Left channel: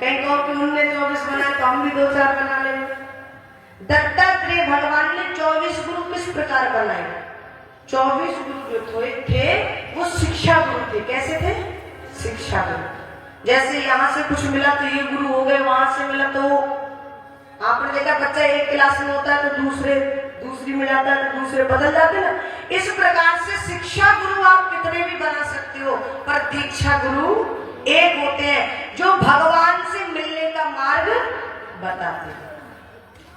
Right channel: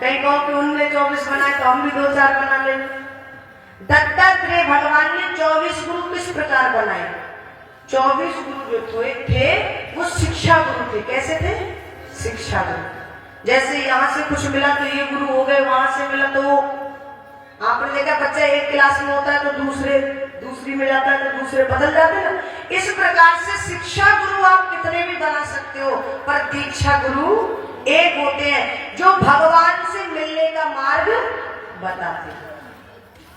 कहीं कहो कि उनने 24 बनाए तो हम भी 2-4 बना ले। दत्तात्रेय भगवान ने 24 गुरु किस प्रकार बनाए? 24 गुरु जो थे वो शिक्षा गुरु थे। कैसे थे? शिक्षा गुरु। जैसे यहाँ से कुछ मिला तो ये गुरु हो गए, वहां से मिला तो आपने देखा बच्चा एक क्लास में होता है तो दूसरी में जाता है तो दूसरे बदल जाते ना। इस प्रकार से शिक्षा गुरु आप कितने भी बना सकते हो, पर दीक्षा गुरु एक होते हैं जो भगवान से मिलने का मार्ग बताते हैं।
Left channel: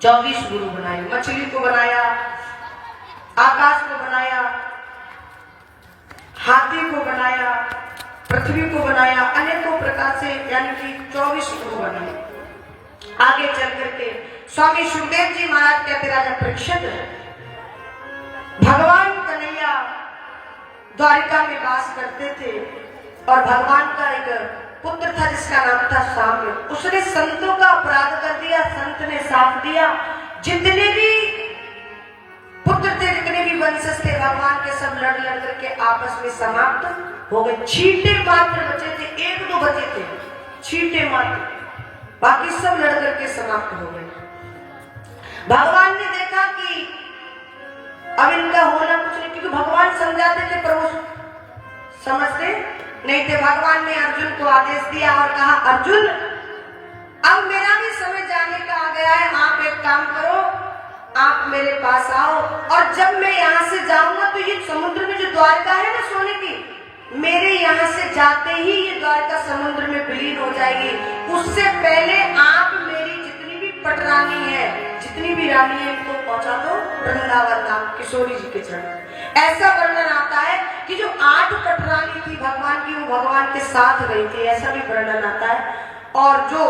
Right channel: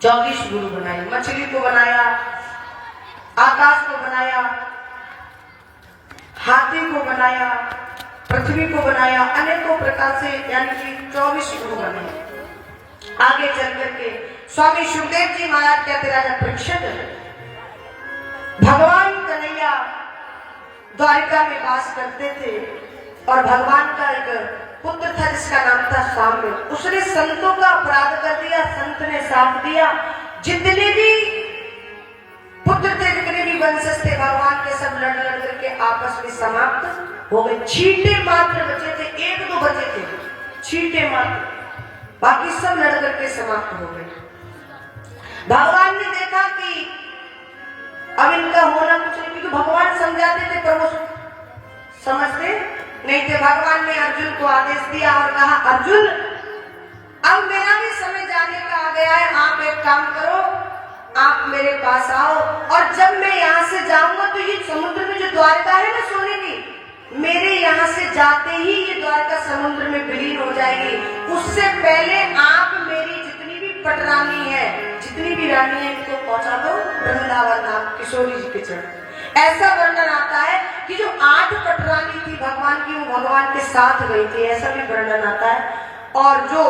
24 गुरु बनाए, मछली को बनाया, आकाश को बनाया, हाथी को बनाया, पृथ्वी को बनाया, अनेकों प्रकार से यानी कि 24 गुरु बनाए। आगे चल करके स्वामी सुखदेव जी महाराज कहते राजा परीक्षित, भगवान कन्हैया द्वारिका में वास करते थे और भगवान का एक पुत्र था जिसका नाम था साम्य। उसने संतों का अपराध कर दिया, संत ने साथ दिया। जितने भी पुत्र थे, जितने भी वंशज थे, भगवान के सब लड़ करके आपस में समाप्त हो गए। छींटे मात्र बचे थे, 1-2 बचे थे, छींटे मात्र, बाकी सब लड़ करके समाप्त हो गए। भगवान ने देखा कि अब इनका होना कुछ नहीं, क्योंकि भगवान समझाते थे पर वो समझते नहीं थे। भगवान ने अर्जुन को आदेश दिया और कहा, अर्जुन अब मेरा भी समय जाने का आ गया है, आप एक काम करो, आप मेरे पास आओ और जब मैं यहाँ से जाऊंगा तो ये समुद्र में जो द्वारका है ना सोने की, मेरे यहाँ से जाते ही ये द्वारका समुद्र में विलीन हो जाएगी। उससे पहले आप मेरी जितनी भी पटरानी है, जितनी भी रानी है, इनको पहुंचा दो वृंदावन नाम किशोरी जी के चरण। ऐसा वर्णन आता है कि जो 8 पटरानी थी भगवान की, वो भगवान के साथ गई थी, ऐसा भी वर्णन आता है। और जो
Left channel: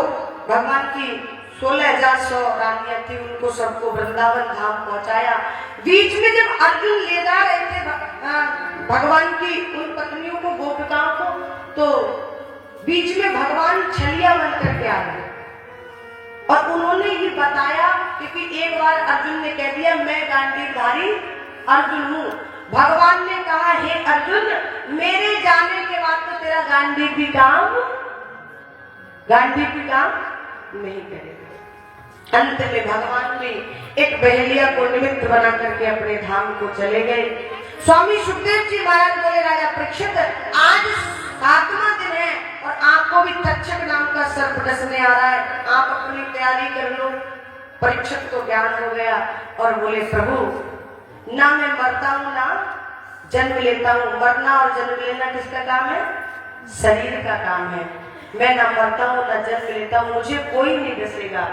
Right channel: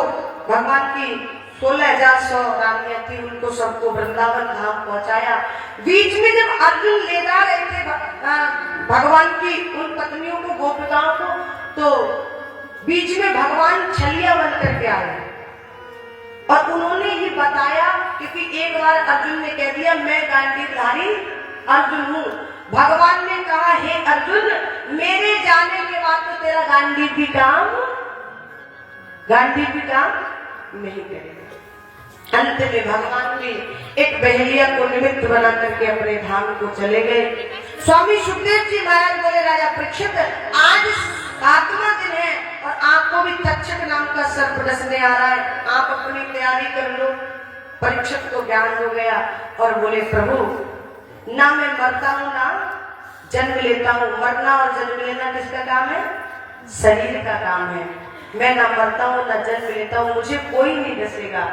भगवान की 16,100 रानियां थी, उनको सबको वृंदावन धाम पहुंचाया। बीच में जब अर्जुन ले जा रहे थे भगवान की उन पत्नियों को, गोपिकाओं को, तो बीच में भगवान छलिया बन करके आ गए और उन्होंने ये बताया, क्योंकि एक बार अर्जुन ने कह दिया मैं गांडीवधारी अर्जुन हूँ। भगवान ने कहा, हे अर्जुन, मेरे जाने के बाद तो तेरा गांडीव भी काम नहीं करेगा। अंत में भगवान ने एक बहेलिया को निमित्त बना करके अपने धाम को चले गए। स्वामी सुखदेव जी महाराज बोले, राजा परीक्षित, आज 7वां दिन है और आपको भी तक्षक नाम का सर्प डसने आ रहा है, आप अपनी तैयारी कर लो। परीक्षित को ज्ञान हो गया और बोले, प्रभु ना मैं मरता हूँ ना जन्म लेता हूँ। मरना और जन्म लेना किसका काम है? शरीर का काम है। मैं ना मरता हूँ ना जन्म लेता हूँ, मुझे कोई नहीं डसेगा।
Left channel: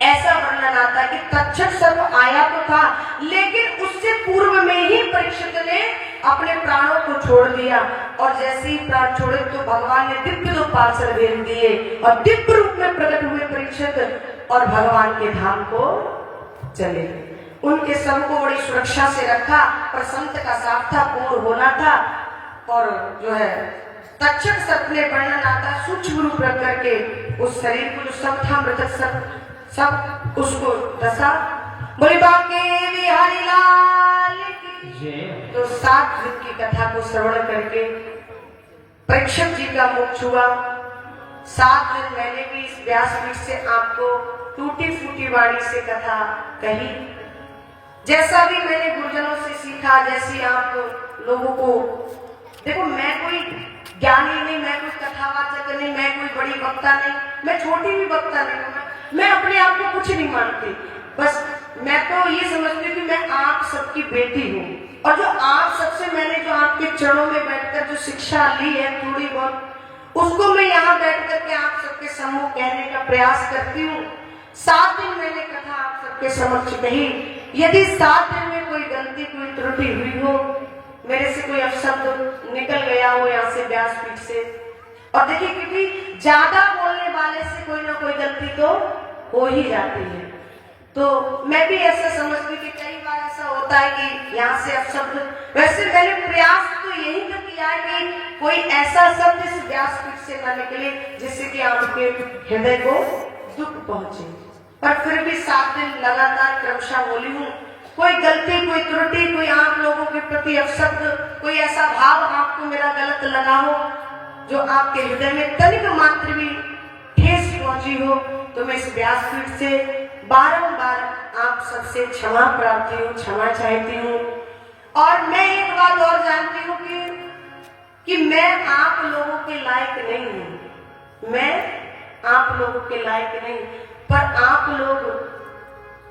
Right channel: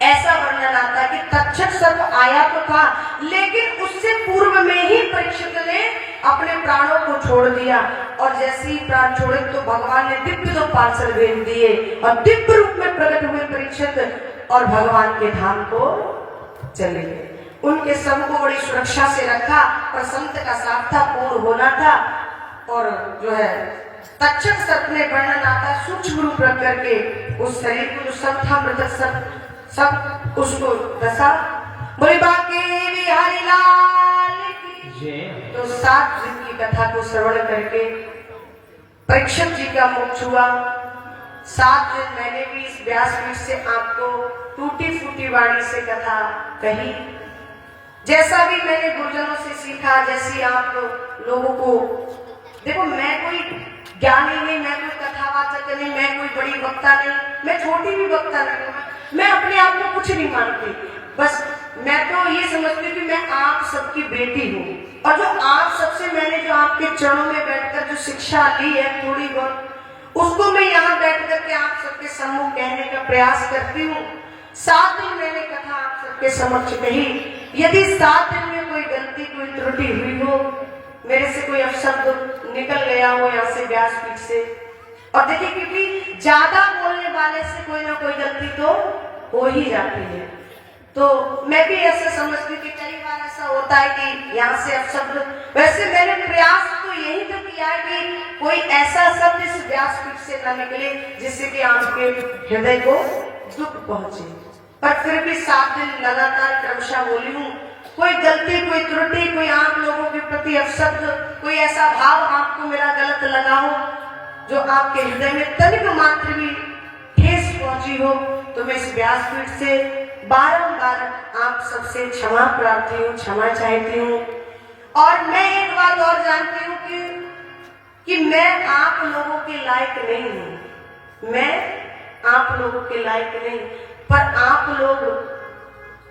ऐसा वर्णन आता है कि तक्षक सर्प आया तो था, लेकिन उससे पूर्व में ही परीक्षित ने अपने प्राणों को छोड़ दिया और जैसे ही प्राण छोड़े तो भगवान ने दिव्य 2 पार्षद भेज दिए और दिव्य रूप में प्रकट हुए परीक्षित और भगवान के धाम को चले गए। उनके सबको बड़ी सुरक्षा से रखा, पर संत का साथ था, पूर्ण होना था। और जो है तक्षक सर्प ने वर्णन आता सूक्ष्म रूप रख करके उस शरीर को, जो सब था मृतक सब उसको दशा। बोले बाके बिहारी लाल की। तो 7 दिन की कथा को श्रवण करके परीक्षित जी का मोक्ष हुआ। 7 दिन मैंने भी इस व्यासपीठ से आपको टूटी फूटी वाणी से कथा कही। जैसा भी मैंने गुरुजनों से सीखा, जैसी आप लोगों को, देखो मैं कोई ज्ञानी नहीं, मैं कोई कथावाचक नहीं, मैं कोई बड़ी वक्ता नहीं, मैं छोटी भी वक्ता नहीं हूँ, मैं अपने आप को कुछ नहीं मानती। बस मैं तो ये समझती कि मैं आप सबकी बेटी हूँ और जो आप सबसे मैंने जो आपके चरणों में बैठकर जो शिक्षा ली है थोड़ी बहुत, उसको मैं यहाँ बैठ करके आप सबके सम्मुख कहने का प्रयास करती हूँ। 7 दिन मैंने कथा आप सबके समक्ष कही। यदि 7 दिन में कोई गलती, कोई त्रुटि हुई हो, मेरे से कोई अपशब्द निकल गया हो यहाँ से व्यासपीठ से, और देखिए क्योंकि ज्यादा बोलने वाले से कोई ना कोई गलती तो हो ही जाती है, तो मैं भी ऐसा समझती थी। कई बार ऐसा होता है कि यहाँ से अपशब्द, वैसे मैंने प्रयास तो यही तो किया कि कोई ऐसा शब्द इस व्यासपीठ से न निकले जिससे कि आपके हृदय को दुख पहुंचे, पर फिर भी 7 दिन लगातार क्रमशः बोली हूँ। कोई गलती, कोई त्रुटि, कोई आप लोगों के प्रति अपशब्द, कोई ऐसा भाव आपको मेरा गलत लगा हो जो आपके हृदय में तनिक मात्र भी त्रुटि हो तो मैं इस व्यासपीठ से बारंबार आप सबसे क्षमा प्रार्थी हूँ, क्षमा चाहती हूँ। और मैं एक बात और जानती हूँ कि मैं आप लोगों के लायक नहीं हूँ, मैं आप लोगों के लायक नहीं, पर आप लोग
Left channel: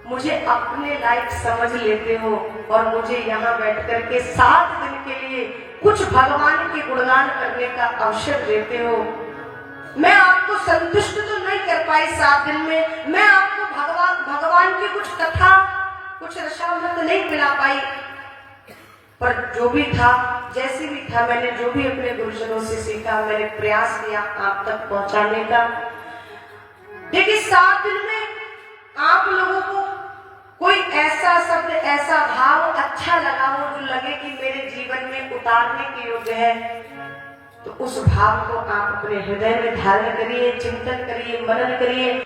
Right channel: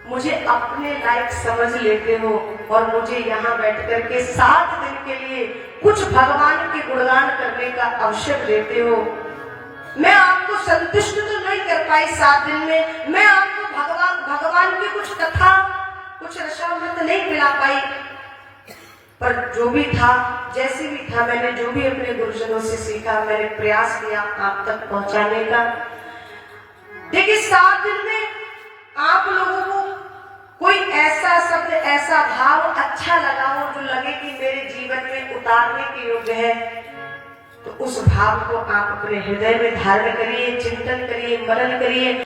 मुझे अपने लायक समझ लेते हो और मुझे यहाँ बैठ करके 7 दिन के लिए कुछ भगवान के गुणगान करने का अवसर देते हो। मैं आपको संतुष्ट तो नहीं कर पाई 7 दिन में, मैं आपको भगवान की कुछ कथा, कुछ रसामृत नहीं पिला पाई, पर जो भी था, जैसे भी था, मैंने जो भी अपने गुरुजनों से सीखा, मैंने प्रयास किया आप तक पहुंचाने का। देखिए 7 दिन में आप लोगों को कोई ऐसा शब्द, ऐसा भाव अच्छा लगा हो जो लगे कि मेरे जीवन में उतारने के योग्य है, तो उस भाव को आप अपने हृदय में धारण करिए, चिंतन करिए, मनन करिए।